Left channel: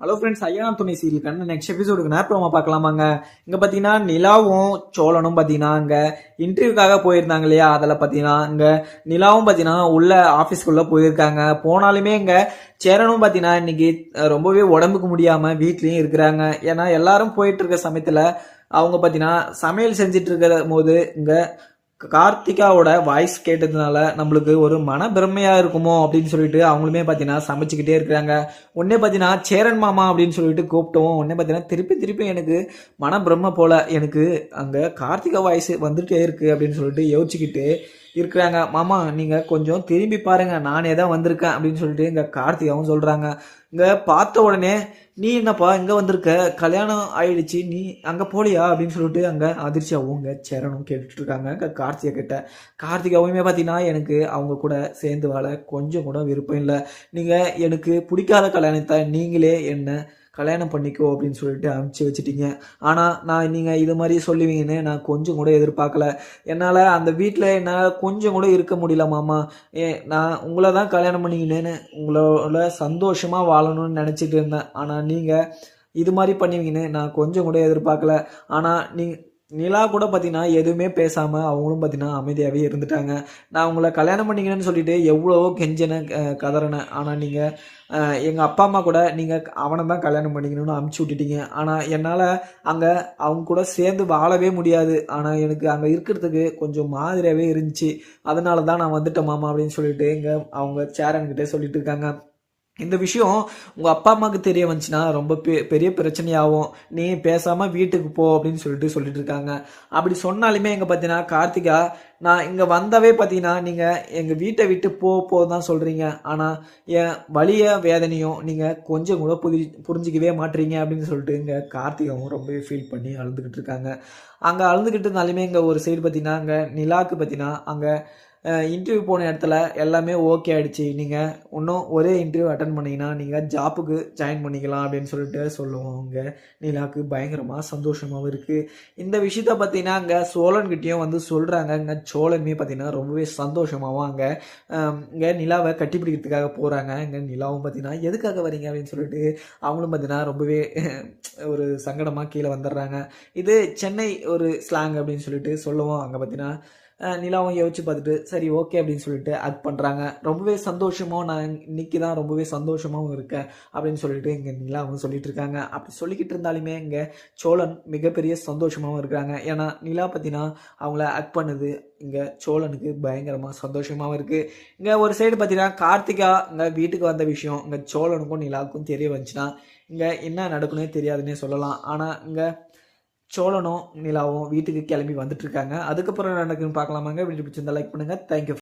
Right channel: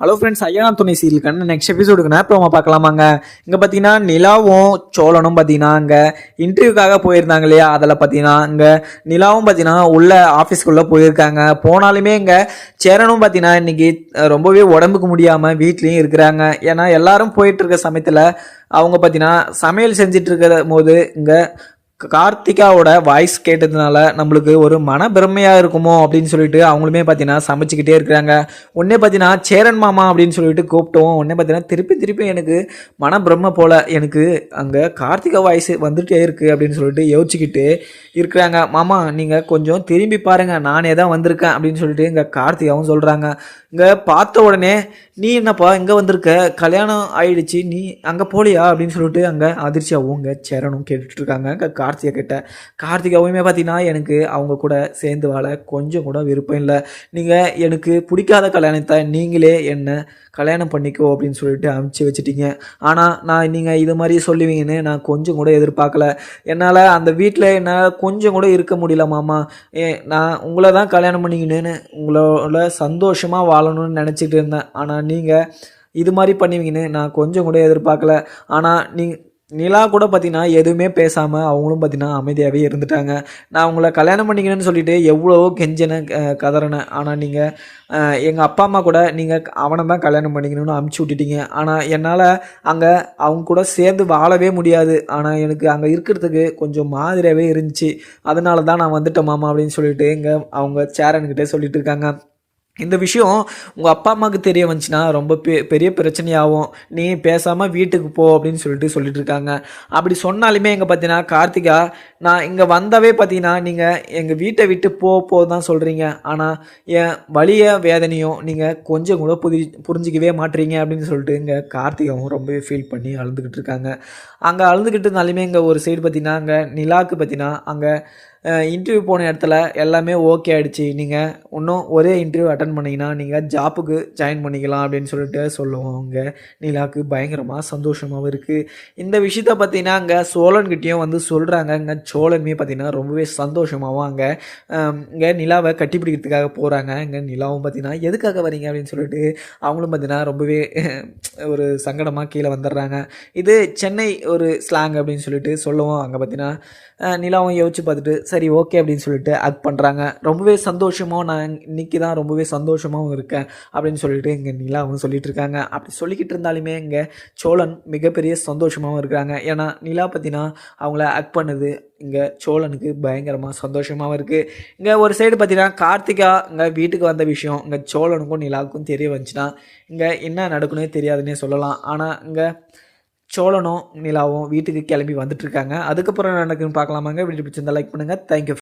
Hello friends, ஐயா துணை சீரியலுக்கான next எபிசோடுக்குனா promo பார்க்கலாமாங்க. இங்கே பார்த்தீங்கன்னா நிலாவும் சோழனும் பார்த்தீங்கன்னா இங்கே இன்டர்வியூக்காக போயிருந்தாங்க இல்லையா. அதில் பார்த்தீங்கன்னா இங்கே நிலாவும் பார்த்தீங்கன்னா உள்ள ஆஃபீஸ்க்குள்ளே போயிருக்காங்க. போனாலுமே இங்கே சேரனும் பார்த்தீங்கன்னா இன்னைக்கு ரொம்பவே உடம்புக்கு முடியாமல் வீட்லேயும் இருக்கிறாங்க. ஏன்னா எல்லாரும் போயிட்டு இருக்க சமயத்தில் அவங்க பார்த்தீங்கன்னா சமையல் செஞ்சுட்டு இருக்கிற போது இங்கே கார்த்திகாவோட வாய்ஸ் கேட்டதுனால நம்மளுக்கு ஒரு மன பிரம்மையாக இருக்குமோ அப்படின்னு சொல்லிட்டு அவங்களுமே பார்த்தீங்கன்னா சமைச்சிக்கிட்டே இருக்கிறாங்க. உடனே பார்த்தீங்கன்னா சேரன் மாமா அப்படின்னு சொல்லிட்டு கூப்பிட்டோம். உடனே பார்த்தீங்கன்னா திருப்பி எனக்கு மன பிரம்மை போல் எனக்கு அங்கே கார்த்திகா வாய்ஸ் வந்துகிட்டே இருக்குது அப்படின்னு சொல்லிட்டு யோசிச்சுக்கிட்டு இருக்கிறாங்க. மாமா நீங்கள் கொஞ்சம் திரும்பி பாருங்கள், நானே தான் வந்திருக்கேன் அப்படின்னு சொல்லிட்டு இங்கே கார்த்திகாவும் சொல்கிறாங்க. இங்கே பார்த்த உடனே நீ என்னப்பா இங்கே வந்திருக்க, கல்யாணம் ஆயிடுச்சு, நீ அங்கே போலியா அப்படின்னு சொல்லிட்டு அங்கே அதிர்ச்சியாகவும் இங்கே சேரனும் கேட்டுட்ருக்காங்க கார்த்திகா கிட்ட. கார்த்திகாவுமே பார்த்தீங்கன்னா எனக்கு அவங்க கூட சேர்ந்து வாழ கொஞ்சம் கூட விருப்பம் இல்லை, நீங்கள் எனக்கு பிடிக்காத கல்யாணத்தை நீங்களே என்ன கல்யாணம் பண்ணிக்கோ அப்படின்னு சொல்லிட்டு அனுப்பிச்சி வச்சுட்டீங்க. ஆனால் நான் நீங்கள் இது மாதிரி சொல்லுவீங்கன்னு நான் கொஞ்சம் கூட எதிர்பார்க்கல. என்னால் அந்த வீட்டில் என்னால் கொஞ்சம் கூட இருக்க முடியல மாமா. நான் உங்களை தான் கல்யாணம் பண்ணிக்கினேன்னு உங்களோட சந்தோஷமாக வாழணும்னு நினச்சிட்டு இருந்தேன். ஆனால் நீங்கள் இது மாதிரி பண்ணுவீங்கன்னு நான் கொஞ்சம் கூட எதிர்பார்க்கல. ஆனால் நிலா கூட பார்த்தீங்கன்னா எதுவுமே பேசாமல் அவங்களும் பார்த்தீங்கன்னா அமைதியாகவே இருந்துட்டாங்க. நான் உங்களை கல்யாணம் பண்ணிக்கணும்னு சொல்லிட்டு எவ்வளவோ கெஞ்சினேன், கதறினேன். ஆனால் நீங்கள் எங்கள் அப்பா அம்மா கூட நீங்கள் அவனை தான் கல்யாணம் பண்ணிக்கணும்னு அமுச்சு விட்டுட்டீங்க. ஆனால் என்னால் அங்கே அவங்க கூட சேர்ந்து வாழவே முடியாது. ஆனால் எனக்கு அங்கே இருக்கிறதுக்கு கொஞ்சம் மாதிரியாகவே இருந்துச்சு. அதனால தான் நான் வந்துட்டேன் மாமா அப்படின்னு சொல்லிட்டு அவங்க சேரன்கிட்டே சொல்லிட்டு இருக்காங்க. இந்த விஷயம் உங்கள் அப்பா அம்மாவுக்கு தெரிய வந்துச்சுன்னா ரொம்ப பெரிய பிரச்சனையாகும், நீ பேசாமல் வீட்டுக்கு போ அப்படின்னு சொல்லிட்டு இருக்காங்க. அப்படி சொன்னாலுமே எங்கே பார்த்தீங்கன்னா கார்த்திகா, நான் இங்கே வந்தவே பார்த்தீங்கன்னா நீங்கள் எங்கள் வீட்டை விட்டு போ தான் சொல்கிறீங்க. ஆனால் என் வலிய வேதனையும் நீங்கள் கொஞ்சம் கூட புரிஞ்சிக்கவே மாட்டீங்க அப்படின்னு சொல்லிட்டு இங்கே கார்த்திகாவும் ரொம்பவே ஃபீல் பண்ணி அழுதுகிட்டு இருக்காங்க. அங்கே அழுதுகிட்டு இருந்தாலுமே இங்கே ஒரு சைடு பார்த்தீங்கன்னா அங்கே நிலாவுக்கு பார்த்தீங்கன்னா அங்கே இன்டர்வியூ போன இடத்துல எல்லாமே ஓகே ஆகிடுச்சு, நீங்கள் இன்னும் ஒரே இன்டர்வியூ அட்டன் பண்ணிங்கன்னா நீங்கள் ஜாப்புக்கு ஜாயின் பண்ணிக்கலாம் அப்படின்னு சொல்லிட்டு சொல்லுவோம். அங்கே நிலாவுக்கு பயங்கரமாக சந்தோஷமாகவும் இருக்குது. இந்த விஷயத்த பார்த்தீங்கன்னா அங்கே சோழன்கிட்டையும் வந்து சொல்கிறாங்க. இங்கே சோழனுமே பார்த்தீங்கன்னா ரொம்பவே சந்தோஷமாகவும் இங்கே நிலாவை கட்டிப்பிடிக்கிறதுக்காக போகிறாங்க. இங்கே நிலாவும் பார்த்தீங்கன்னா எதுக்காக வரீங்க அப்படின்னு சொல்லிட்டு அவங்களும் பார்த்தீங்கன்னா ரொம்பவே ஒரு சங்கடமாக கீழே வந்துடுறாங்க. இது சென்னை ஒரு ஸ்லாங் அப்படின்னு சொல்லிட்டு சொல்லுவோம். அங்கே பார்த்தீங்கன்னா நிலாவும் யோசிச்சு பார்த்துட்டு சரி ஓகே அப்படின்னு சொல்லிட்டு ஆக்ட் பண்ணுறாங்க. ரொம்பவே சந்தோஷமாக நான் இன்றைக்கி தான் ரொம்பவே சந்தோஷமாகவும் இருக்கேன் அப்படின்னு சொல்லிட்டு இங்கே நிலாவும் சொல்லிட்டு இருக்காங்க. அப்படி சொல்லிக்கிட்டு இருந்தாலுமே இங்கே சோழன் மிகப்பெரிய சந்தோஷமாகவும் இருக்கிறாங்க. ஏன்னா நிலா பற்றினா அவங்கள ஆக்ட் பண்ணுது இங்கே சோழனுக்கு பயங்கரமாக சந்தோஷமாகவும் இருக்குது. இங்கே ஒரு சைடு பார்த்தீங்கன்னா கார்த்திகா இங்கே வீட்டுக்கு வந்த விஷயம் இங்கே சோழனுக்கும் நிலாவுக்கும் தெரிய வந்துச்சுன்னா இங்கே என்ன நடக்குன்னே தெரியாதுன்னே சொல்லலாம். ஆனால் இங்கே சோழனும் நிலாவும் வீட்டுக்கு கிளம்பி வந்துட்டுருக்காங்க. அதுக்கப்புறம் நடக்குன்னு பார்க்கலாமாங்க. வீடியோ பிடிச்சிருந்தா லைக் பண்ணுங்கள். தேங்க்யூ.